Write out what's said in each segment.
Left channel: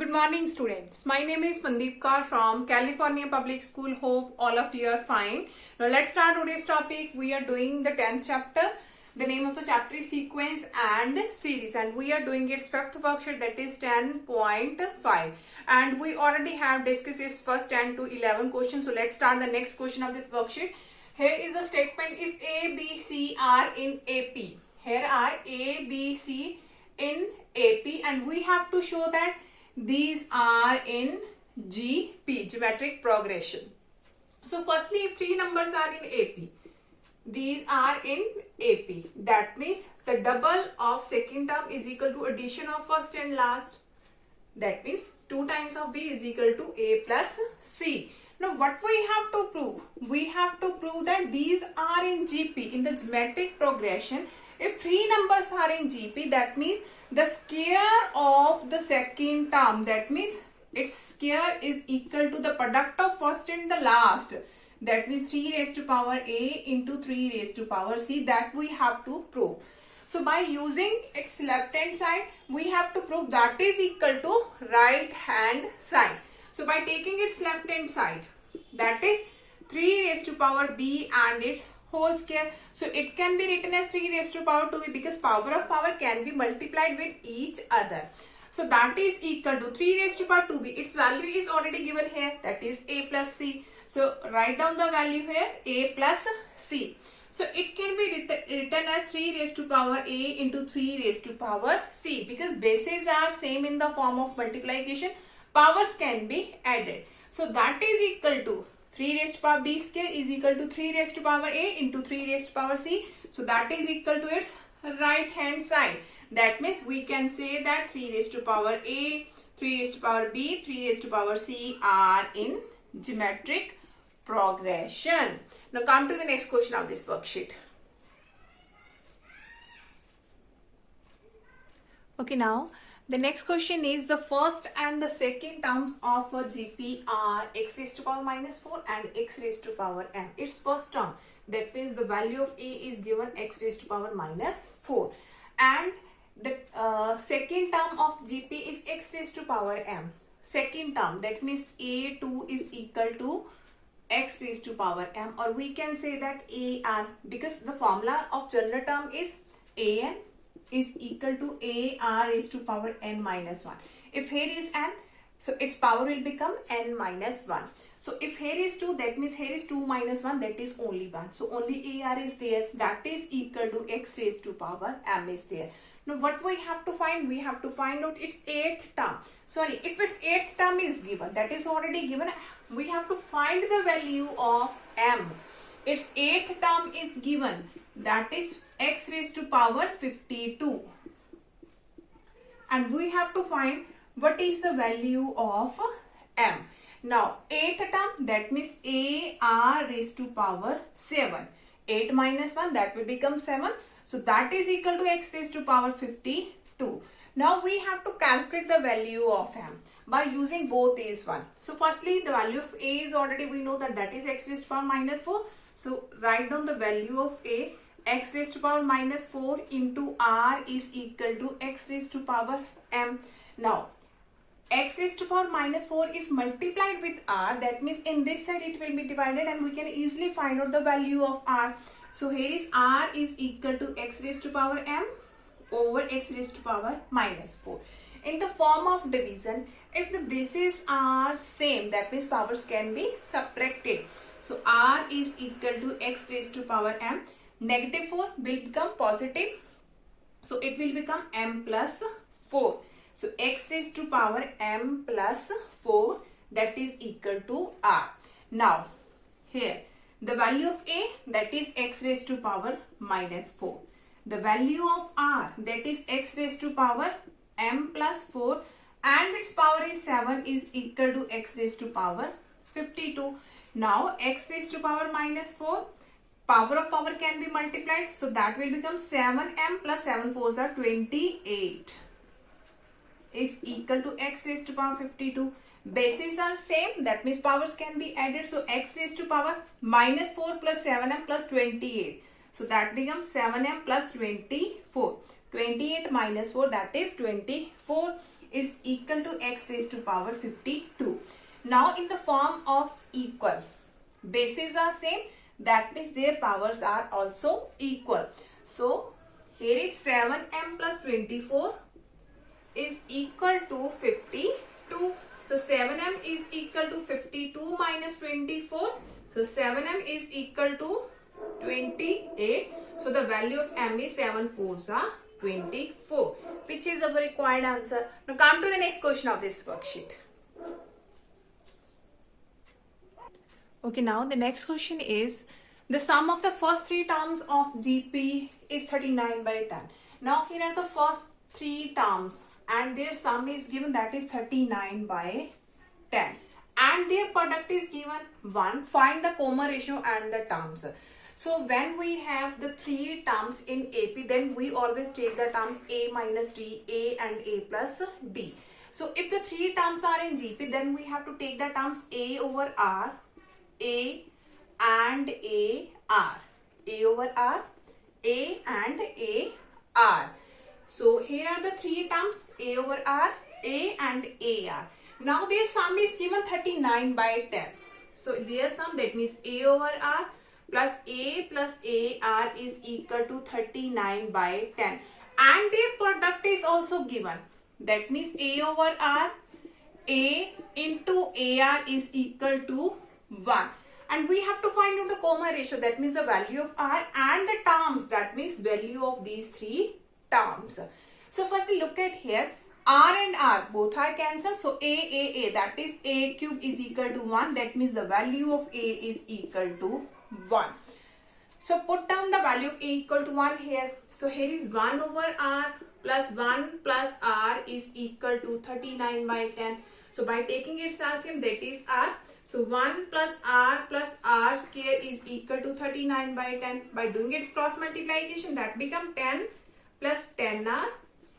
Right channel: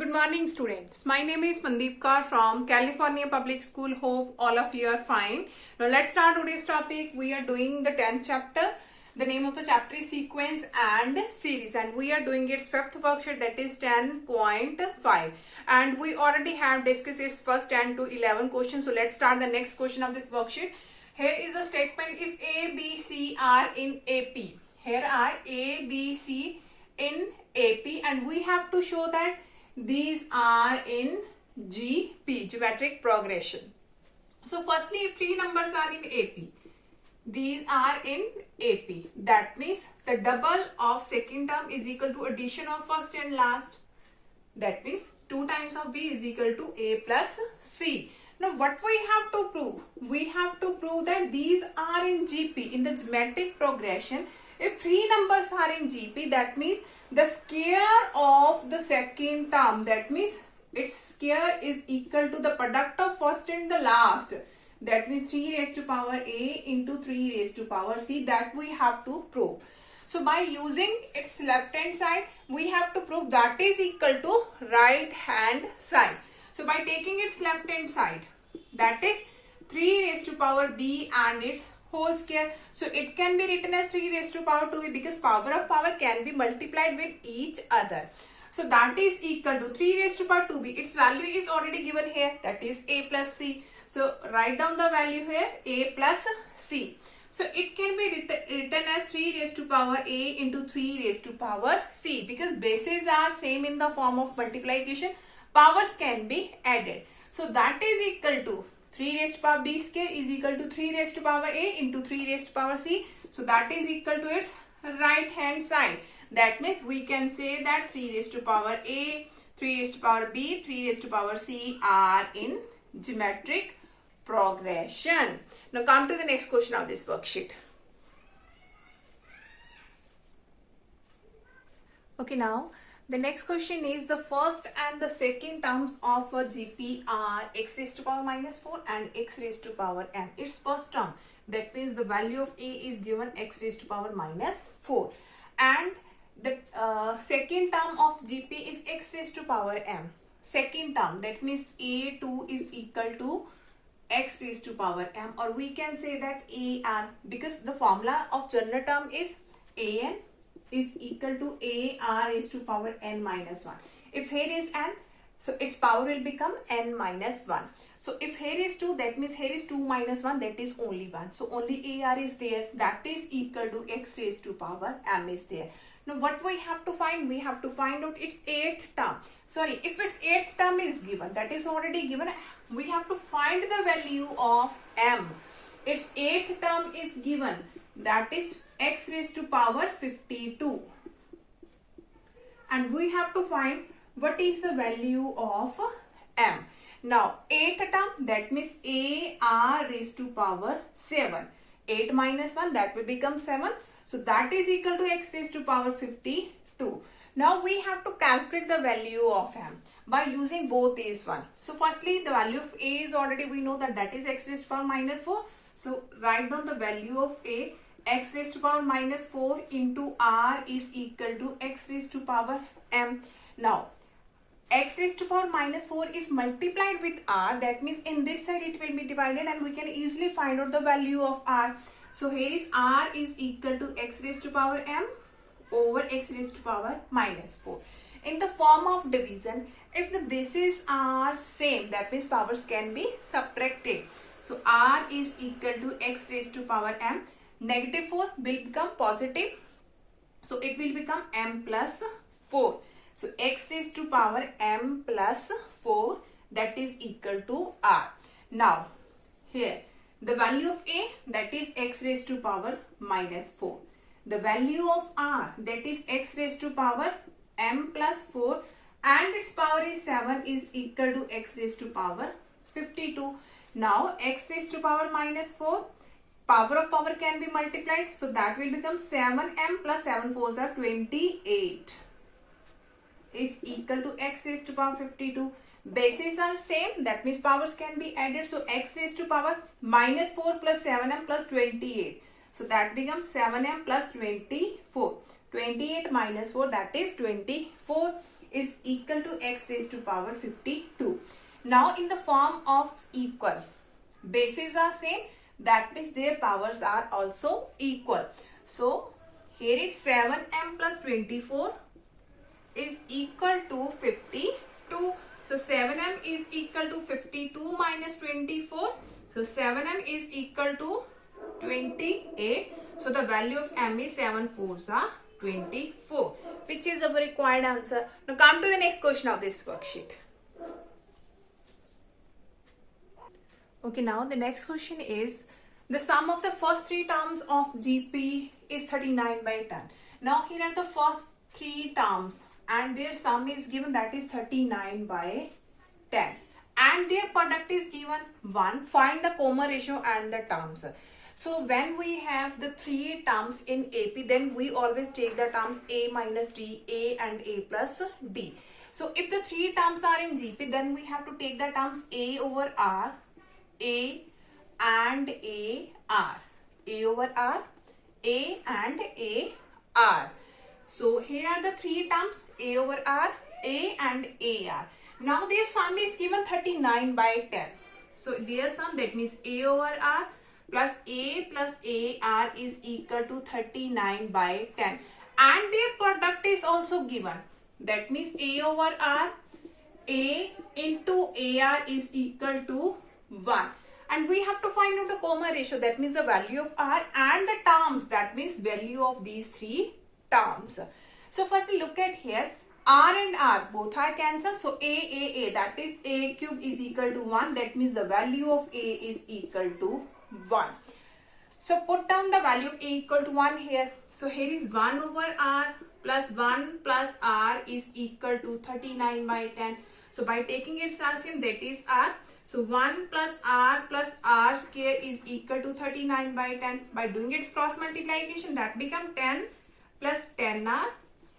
Good morning, students. My name is Mandeep Kaur from California Public School. Hope all of you are fine. Now, let's start today's topic. We are doing the 10th chapter. The name of the chapter is Sequence and Series, and we are doing its fifth worksheet, that is 10.5. And we already have discussed its first 10 to 11 questions. So, let's start the next question of this worksheet. Here is a statement: if A, B, C are in AP. Here are A, B, C in AP, and we have to show that these are in GP, geometric progression. So firstly, if three numbers are in AP, these are in AP. That means the double of second term is equal to addition of first and last. That means 2 times of B is equal to A plus C. Now what we have to prove? We have to prove that these are in GP, in the geometric progression. If three numbers are in GP, that means the square of the second term, that means its square is equal to the product of first and the last. That means 3 raised to power A into 3 raised to power C. That we have to prove. So by using its left hand side, we have to prove that is equal to right hand side. So by taking its left hand side, that is 3 raised to power B and its whole square. So it can be written as 3 raised to power 2 because power of power can be multiplied with each other. So that is equal to 3 raised to power 2b. Its value is already given here, that is A plus C. So write down the value here, A plus C. So it can be written as 3 raised to power A into 3 raised to power C, because bases are same in the form of multiplication. Powers can be added. So that is equal to 3 raised to power B square is equal to 3 raised to power A into 3 raised to power C. So that is equal to its right hand side. That means we can say that 3 raised to power A, 3 raised to power B, 3 raised to power C are in geometric progression. Now come to the next question of this worksheet. Okay, now the next question is the first and the second terms of a GP are x raised to power minus 4 and x raised to power m. Its first term, that means the value of A is given x raised to power minus 4. And the second term of GP is x raised to power m. Second term, that means A2 is equal to x raised to power m, or we can say that AN, because the formula of general term is AN is equal to AR raised to power n minus 1. If here is n, so its power will become n minus 1. So if here is 2, that means here is 2 minus 1, that is only 1. So only AR is there, that is equal to x raised to power m is there. Now what we have to find? We have to find out its 8th term. Sorry, if its 8th term is given, that is already given, we have to find the value of m. Its 8th term is given, that is x raised to power 52. And we have to find what is the value of m. Now 8th term, that means AR raised to power 7. 8 minus 1, that will become 7. So that is equal to x raised to power 52. Now we have to calculate the value of m by using both these one. So firstly, the value of A is already, we know that is x raised to power minus 4. So write down the value of A. X raised to power minus 4 into R is equal to x raised to power m. Now x raised to power minus 4 is multiplied with R. That means in this side it will be divided, and we can easily find out the value of R. So here is R is equal to x raised to power m over x raised to power minus 4. In the form of division, if the bases are same, that means powers can be subtracted. So R is equal to x raised to power m. Negative 4 will become positive. So it will become m plus 4. So x raised to power m plus 4, that is equal to R. Now here the value of A, that is x raised to power minus 4. The value of R, that is x raised to power m plus 4, and its power is 7, is equal to x raised to power 52. Now x raised to power minus 4, power of power can be multiplied. So that will become 7m plus 7 4s are 28 is equal to x raised to power 52. Bases are same, that means powers can be added. So x raised to power minus 4 plus 7m plus 28. So that becomes 7m plus 24. 28 minus 4, that is 24. is equal to x raised to power 52. Now in the form of equal, bases are same, that means their powers are also equal. So here is 7m plus 24 is equal to 52. So 7m is equal to 52 minus 24. So 7m is equal to 28. So the value of m is 7 fours are 24, which is our required answer. Now come to the next question of this worksheet. Okay, now the next question is the sum of the first three terms of GP is 39 by 10. Now here are the first three terms and their sum is given, that is 39 by 10. And their product is given 1. Find the comma ratio and the terms. So when we have the three terms in AP, then we always take the terms A minus D, A and A plus D. So if the three terms are in GP, then we have to take the terms A over R, A and A R, A over R, A and A R. So here are the three terms A over R, A and AR. Now their sum is given 39 by 10. So their sum, that means A over R plus AR is equal to 39 by 10. And their product is also given. That means A over R, A into AR is equal to 1. And we have to find out the comma ratio, that means the value of R and the terms, that means value of these three terms. So firstly look at here, R and R both are cancelled. So A, that is A cube is equal to 1. That means the value of A is equal to 1. So put down the value of A equal to 1 here. So here is 1 over R plus 1 plus R is equal to 39 by 10. So by taking its LCM, that is R. So 1 plus R square is equal to 39 by 10. By doing its cross multiplication, that becomes 10 plus 10R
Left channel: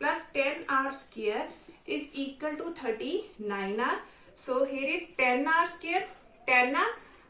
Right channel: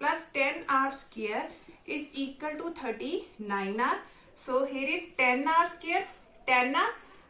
plus 10R square is equal to 39R. So here is 10R square, 10R,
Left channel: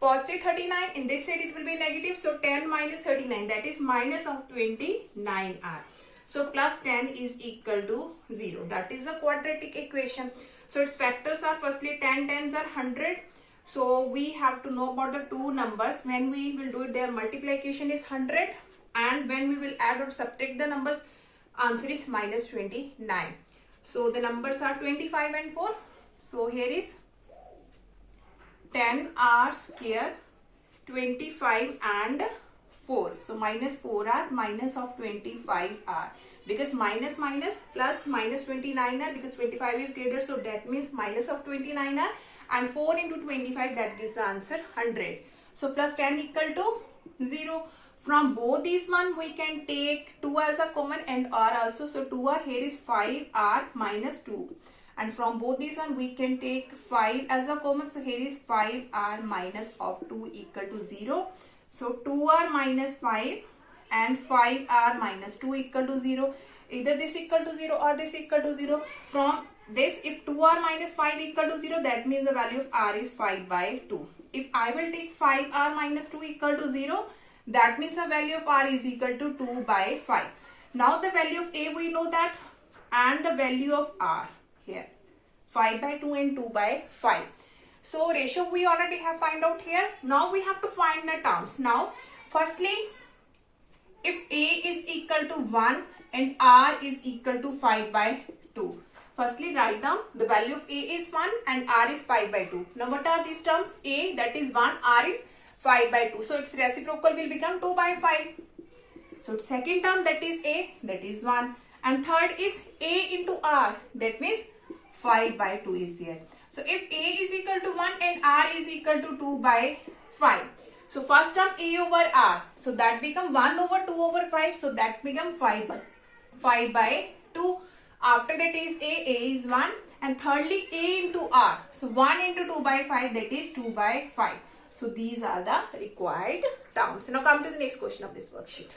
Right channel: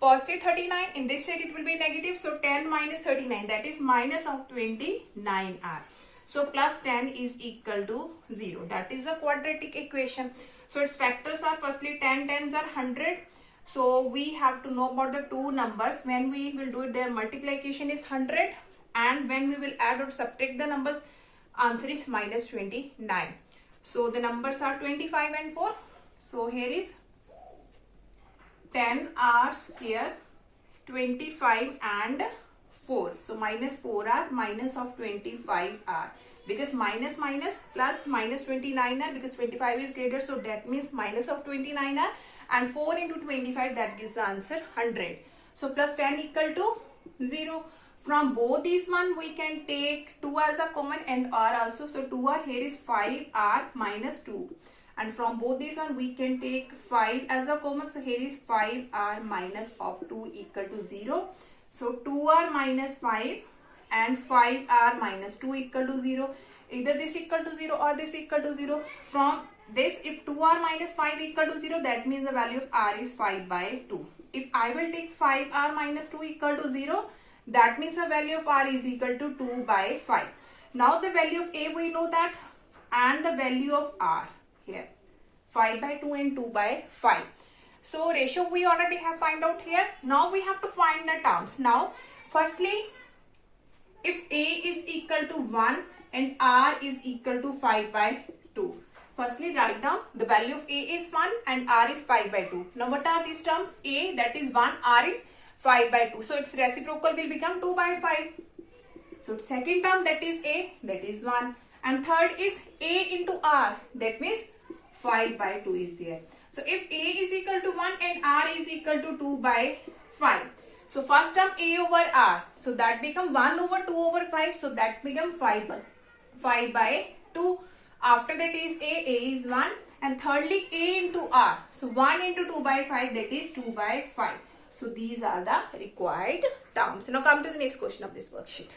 positive 39. In this side it will be negative. So 10 minus 39, that is minus of 29R. So plus 10 is equal to 0. That is a quadratic equation. So its factors are, firstly 10 tens are 100. So we have to know about the two numbers. When we will do it, their multiplication is 100. And when we will add or subtract the numbers, answer is minus 29. So the numbers are 25 and 4. So here is 10R square, 25 and 4. So minus 4R minus of 25R. Because minus plus minus 29R, because 25 is greater, so that means minus of 29R. And 4 into 25, that gives the answer 100. So plus 10 equal to 0. From both these one, we can take 2 as a common and R also. So 2R, here is 5R minus 2. And from both these one, we can take 5 as a common. So here is 5R minus of 2 equal to 0. So 2R minus 5 and 5R minus 2 equal to 0. Either this equal to 0 or this equal to 0. From this, if 2R minus 5 equal to 0, that means the value of R is 5 by 2. If I will take 5R minus 2 equal to 0, that means the value of R is equal to 2 by 5. Now the value of A we know that, and the value of R here, 5 by 2 and 2 by 5. So ratio we already have find out here. Now we have to find the terms. Now firstly, if A is equal to 1 and R is equal to 5 by 2. Firstly write down the value of A is 1 and R is 5 by 2. Now what are these terms? A, that is 1, R is 5 by 2. So its reciprocal will become 2 by 5. So second term, that is A, that is 1. And third is A into R, that means 5 by 2 is there. So if A is equal to 1 and R is equal to 2 by 5. So first term A over R. So that become 1 over 2 over 5. So that become 5 by 2. After that is A is 1. And thirdly A into R. So 1 into 2 by 5, that is 2 by 5. So these are the required terms. Now come to the next question of this worksheet.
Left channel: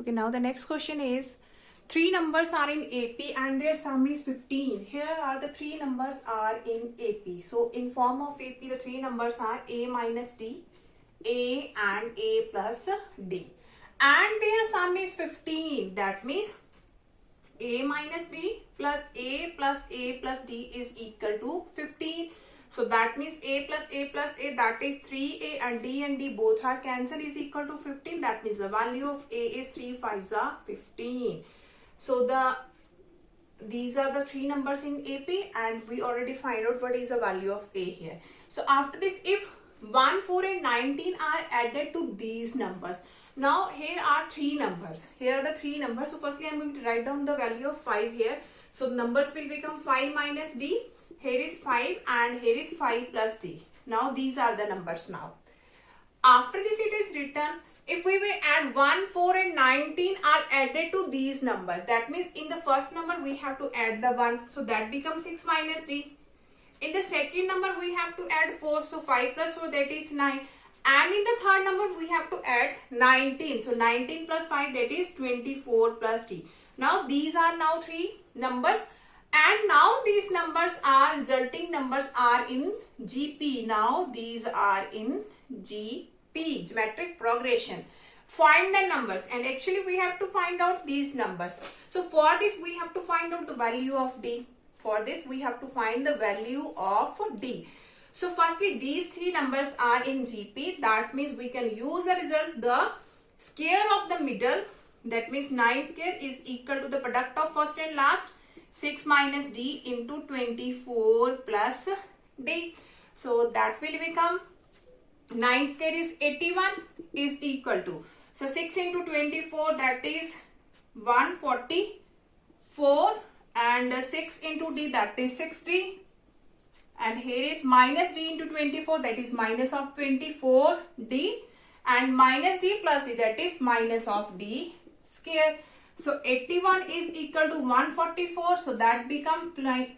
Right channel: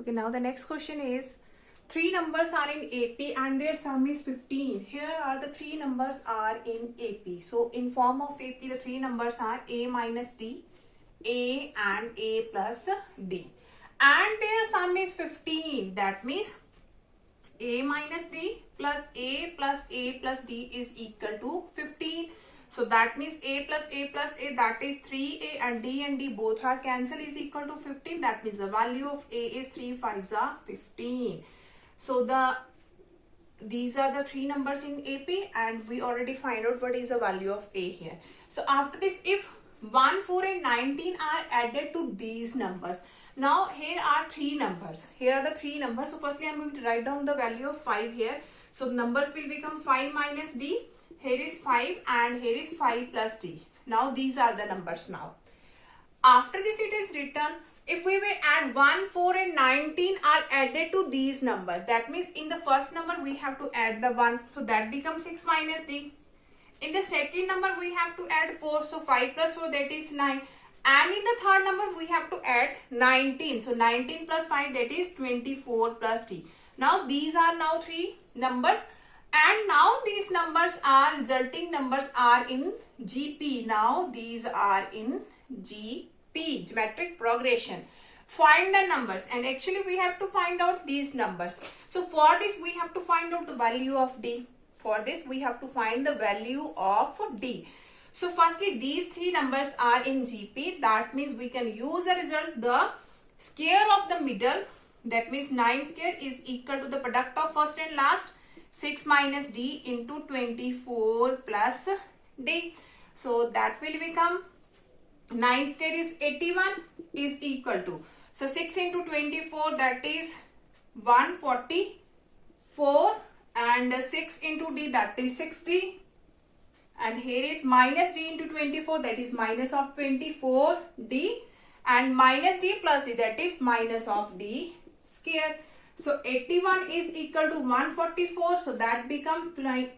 Okay, now the next question is, three numbers are in AP and their sum is 15. Here are the three numbers are in AP. So in form of AP, the three numbers are A minus D, A and A plus D. and their sum is 15. That means a minus d plus a plus a plus d is equal to 15. So that means a plus a plus a, that is 3a, and d both are cancelled, is equal to 15. That means the value of a is 3 5s are 15. So these are the three numbers in AP, and we already find out what is the value of a here. So after this, if 1, 4 and 19 are added to these numbers. Now here are three numbers. Here are the three numbers. So firstly I am going to write down the value of 5 here. So numbers will become 5 minus d. Here is 5 and here is 5 plus d. Now these are the numbers now. After this it is written, if we will add 1, 4 and 19 are added to these numbers. That means in the first number we have to add the 1. So that becomes 6 minus d. In the second number we have to add 4. So 5 plus 4, that is 9. And in the third number we have to add 19. So 19 plus 5, that is 24 plus d. Now these are now three numbers. And now these numbers are, resulting numbers are in GP. Now these are in GP, geometric progression. Find the numbers, and actually we have to find out these numbers. So for this we have to find out the value of d. For this we have to find the value of d. So firstly these three numbers are in GP. That means we can use the result, the square of the middle. That means 9 square is equal to the product of first and last. 6 minus d into 24 plus d. So that will become 9 square is 81 is equal to. So 6 into 24, that is 144, and 6 into d, that is 60. And here is minus d into 24, that is minus of 24d, and minus d plus d, that is minus of d square. So 81 is equal to 144. So that becomes like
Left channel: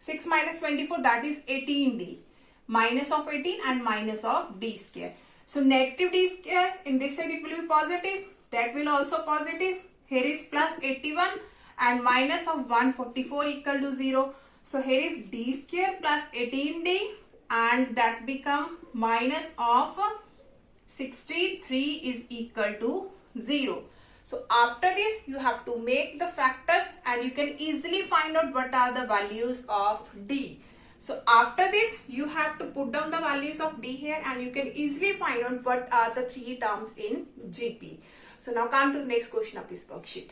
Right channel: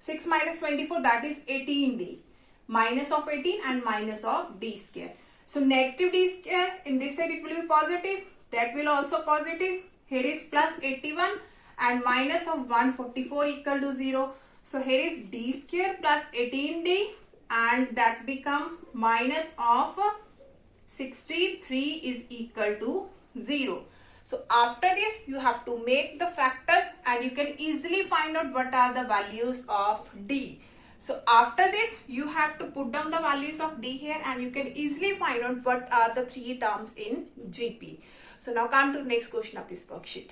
6 minus 24, that is 18d. Minus of 18 and minus of d square. So negative d square, in this side it will be positive. That will also positive. Here is plus 81 and minus of 144 equal to 0. So here is d square plus 18d, and that become minus of 63 is equal to 0. So after this you have to make the factors, and you can easily find out what are the values of d. So after this you have to put down the values of d here, and you can easily find out what are the three terms in GP. So now come to the next question of this worksheet.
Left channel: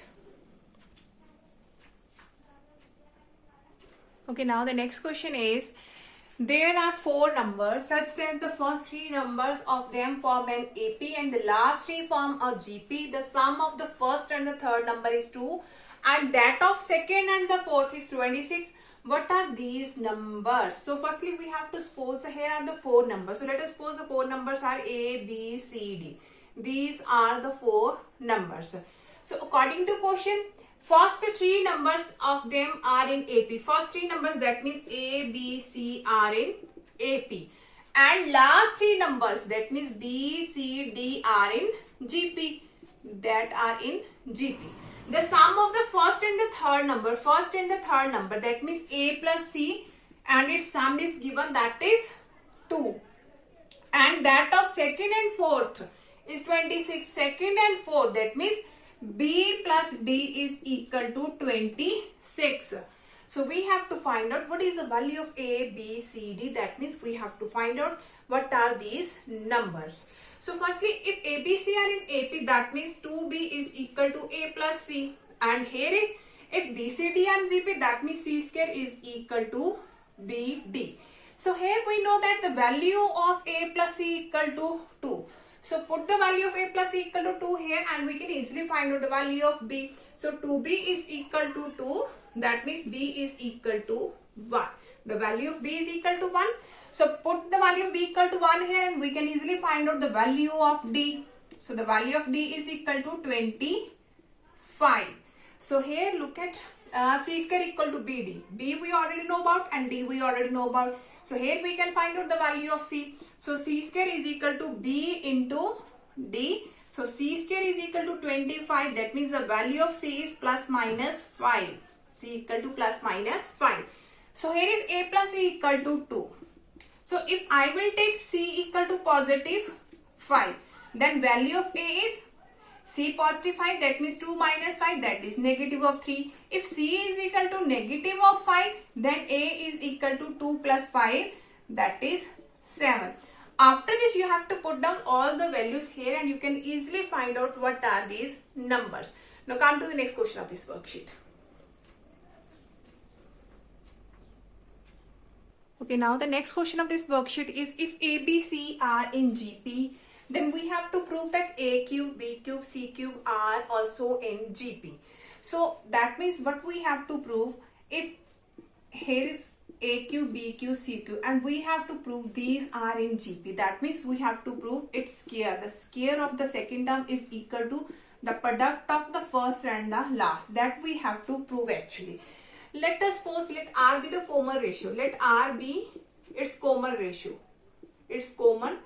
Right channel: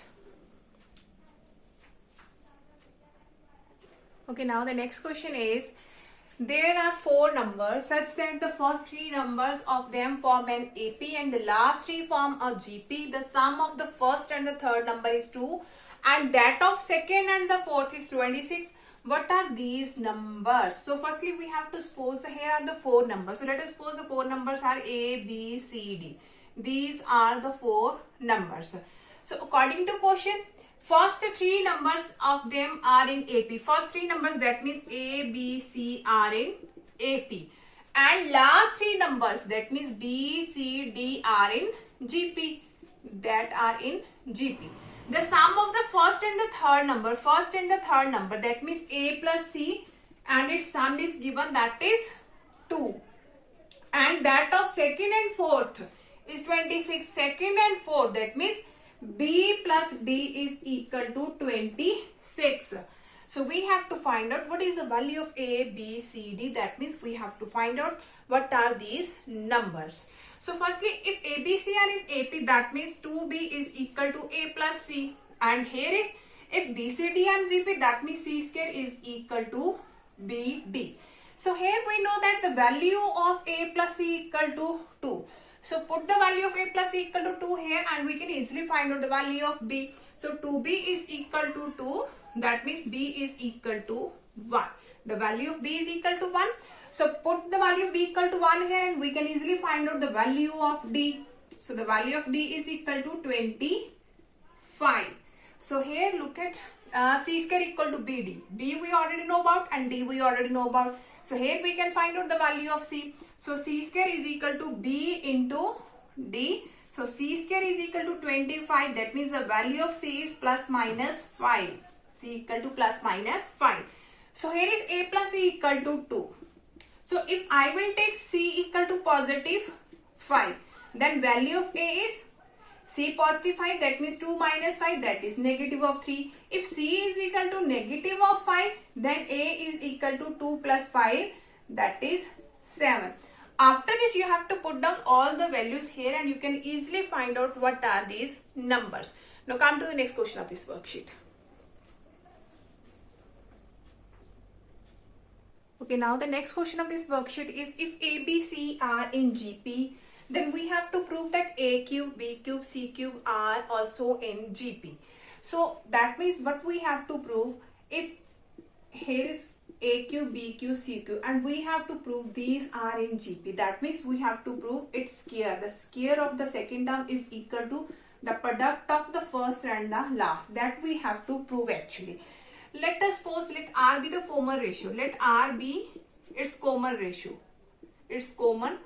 Okay, now the next question is, there are four numbers such that the first three numbers of them form an AP and the last three form a GP. The sum of the first and the third number is 2, and that of second and the fourth is 26. What are these numbers? So firstly we have to suppose that here are the four numbers. So let us suppose the four numbers are A, B, C, D. These are the four numbers. So according to question, first three numbers of them are in AP. First three numbers, that means A, B, C are in AP. And last three numbers, that means B, C, D are in GP. That are in GP. The sum of the first and the third number, that means A plus C, and its sum is given, that is 2. And that of second and fourth is 26. Second and fourth, that means B plus D is equal to 26. So we have to find out what is the value of A, B, C, D. That means we have to find out what are these numbers. So firstly, if A, B, C are in AP, that means 2B is equal to A plus C. And here is, if B, C, D are in GP, that means C square is equal to B, D. So here we know that the value of A plus C equal to 2. So put the value of A plus C equal to 2 here, and we can easily find out the value of B. So 2B is equal to 2. That means B is equal to 1. The value of B is equal to 1. So put the value of B equal to 1 here, and we can easily find out the value of D. So the value of D is equal to 25. So here look at C square equal to BD. B we already know about, and D we already know about. So here we can find out the value of C. So C square is equal to B into D. So C square is equal to 25. That means the value of C is plus minus 5. C equal to plus minus 5. So here is A plus C equal to 2. So if I will take C equal to positive 5, then value of A is C positive 5, that means 2 minus 5, that is negative of 3. If C is equal to negative of 5, then A is equal to 2 plus 5, that is 7. After this, you have to put down all the values here and you can easily find out what are these numbers. Now come to the next question of this worksheet. Okay, now the next question of this worksheet is if A, B, C are in GP, then we have to prove that A cube, B cube, C cube are also in GP. So that means what we have to prove, if here is A cube, B cube, C cube and we have to prove these are in GP. That means we have to prove its square. The square of the second term is equal to the product of the first and the last. That we have to prove actually. Let us suppose let R be the common ratio. Let R be its common ratio. Its common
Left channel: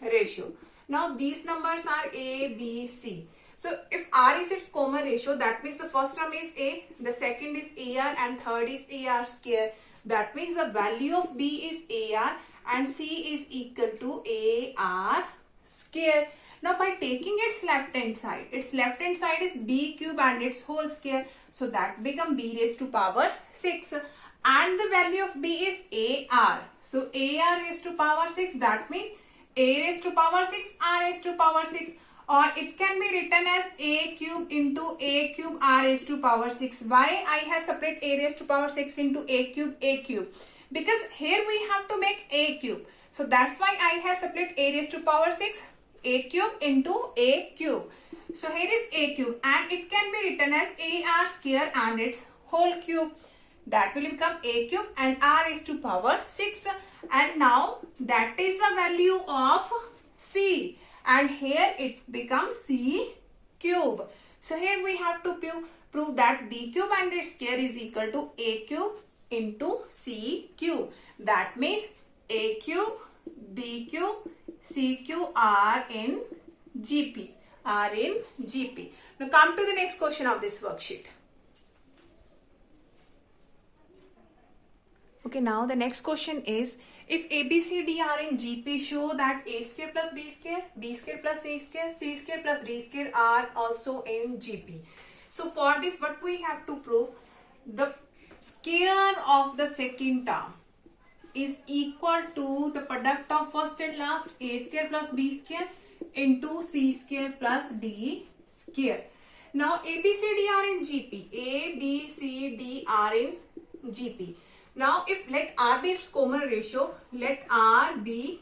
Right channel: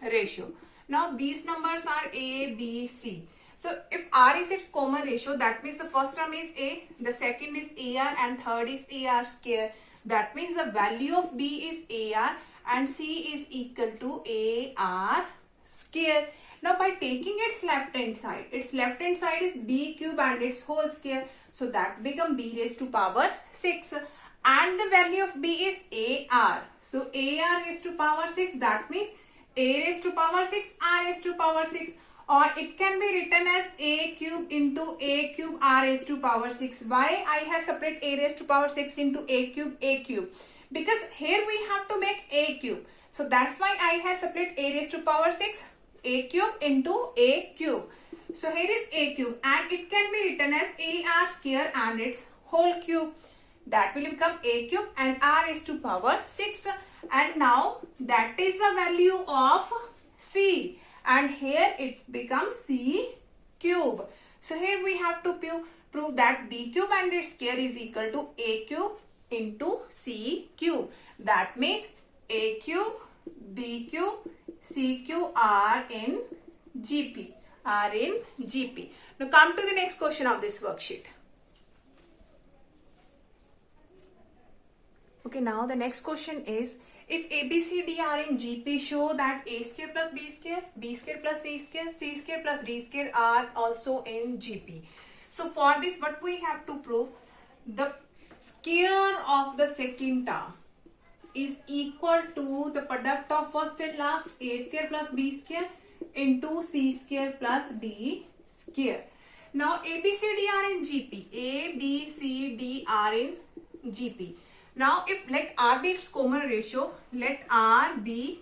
ratio. Now these numbers are A, B, C. So if R is its common ratio, that means the first term is A, the second is AR and third is AR square. That means the value of B is AR and C is equal to AR square. Now by taking its left hand side is B cube and its whole square. So that become B raised to power 6 and the value of B is AR. So AR raised to power 6, that means A raised to power 6, R raised to power 6, or it can be written as A cube into A cube R raised to power 6. Why I have separate A raised to power 6 into A cube? Because here we have to make A cube. So that's why I have separate A raised to power 6, A cube into A cube. So here is A cube and it can be written as AR square and its whole cube. That will become A cube and R raised to power 6. And now that is the value of C. And here it becomes C cube. So here we have to prove that B cube and its square is equal to A cube into C cube. That means A cube, B cube, C cube are in GP. Now come to the next question of this worksheet. Okay, now the next question is if A, B, C, D are in GP, show that A square plus B square, B square plus C square plus D square are also in GP. So for this, what we have to prove, the square of the second term is equal to the product of first and last A square plus B square into C square plus D square. Now A, B, C, D are in GP. A, B, C, D are in GP. Now if let R be its common ratio, let R be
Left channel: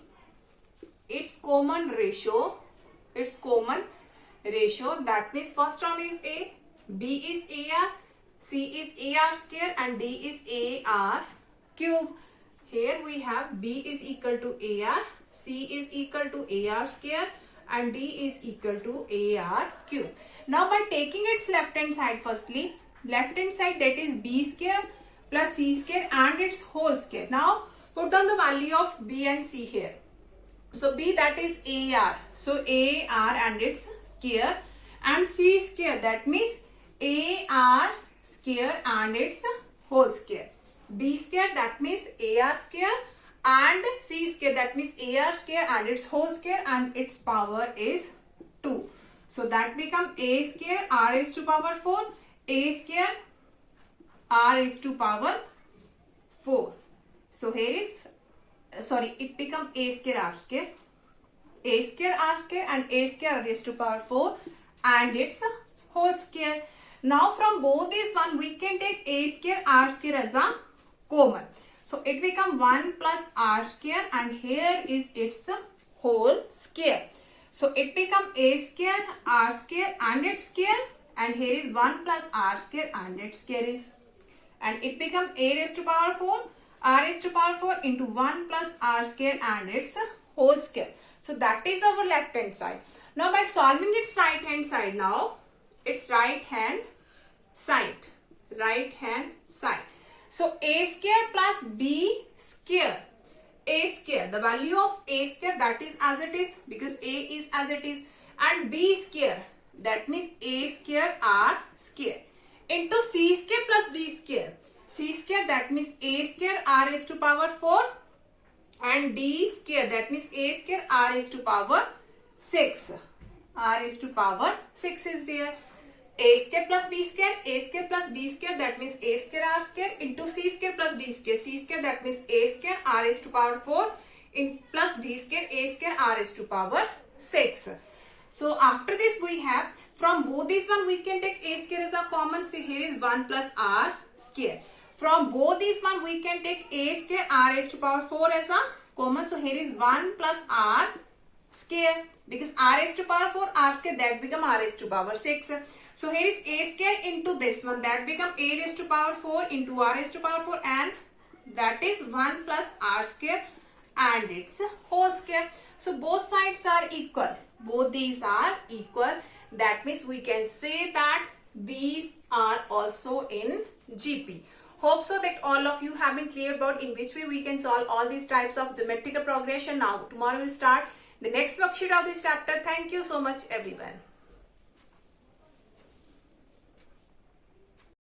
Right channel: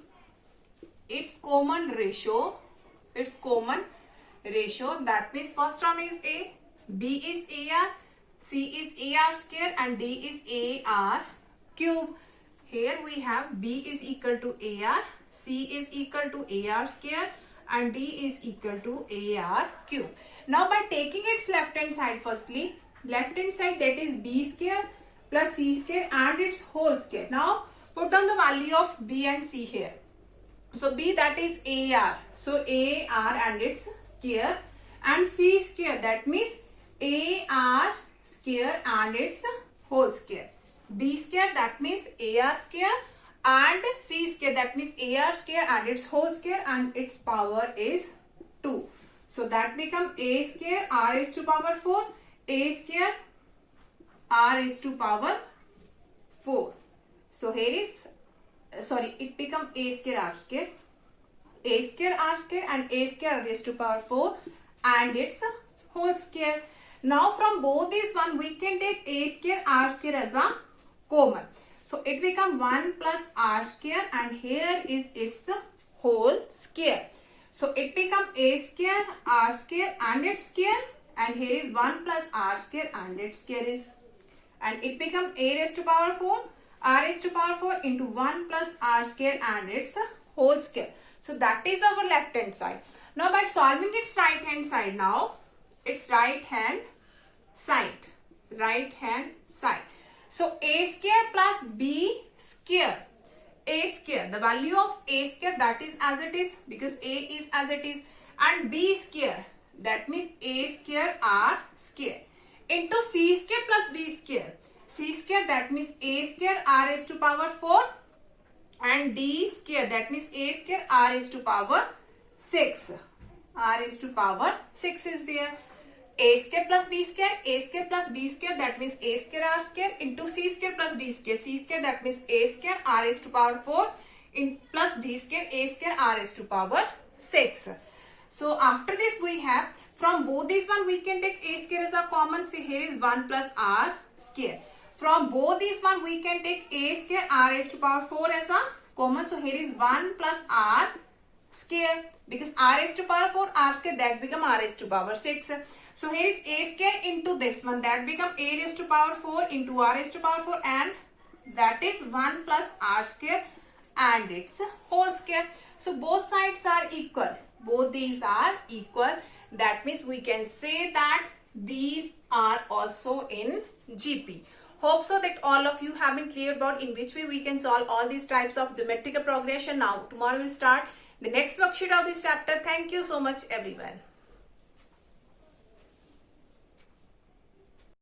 its common ratio, that means first term is A, B is AR, C is AR square and D is AR cube. Here we have B is equal to AR, C is equal to AR square and D is equal to AR cube. Now by taking its left hand side, firstly left hand side, that is B square plus C square and its whole square. Now put down the value of B and C here. So B, that is AR, so AR and its square, and C square, that means AR square and its whole square. B square, that means AR square, and C square, that means AR square and its whole square, and its power is 2. So that become A square R raised to power 4, A square R raised to power 4. So here is, it become A square R square, A square R square and A square raised to power 4 and its whole square. Now from both these one, we can take A square R square as a common. So it become 1 plus R square and here is its whole square. So it become A square R square and its square, and here is 1 plus R square and its square is, and it become A raised to power 4 R raised to power 4 into 1 plus R square and its whole square. So that is our left hand side. Now by solving its right hand side, now its right hand side. So A square plus B square. A square, the value of A square, that is as it is because A is as it is, and B square, that means A square R square into C square plus B square. C square, that means A square R raised to power 4 and D square, that means A square R raised to power 6. r raised to power 6 is there. A square plus b square, a square plus b square, that means a square r square into c square plus d square, c square, that means a square r raised to power 4 in plus d square, a square r raised to power 6. So after this we have, from both these one we can take a square as a common, so here is 1 plus r square. From both these one we can take a square r raised to power 4 as a common, so here is 1 plus r square, because r raised to power 4 r square, that become r raised to power 6. So here is a square into this one, that become a raised to power 4 into r raised to power 4, and that is 1 plus r square and its whole square. So both sides are equal. Both these are equal. That means we can say that these are also in GP. Hope so that all of you have been clear about in which way we can solve all these types of geometrical progression. Now tomorrow we'll start the next worksheet of this chapter. Thank you so much everyone.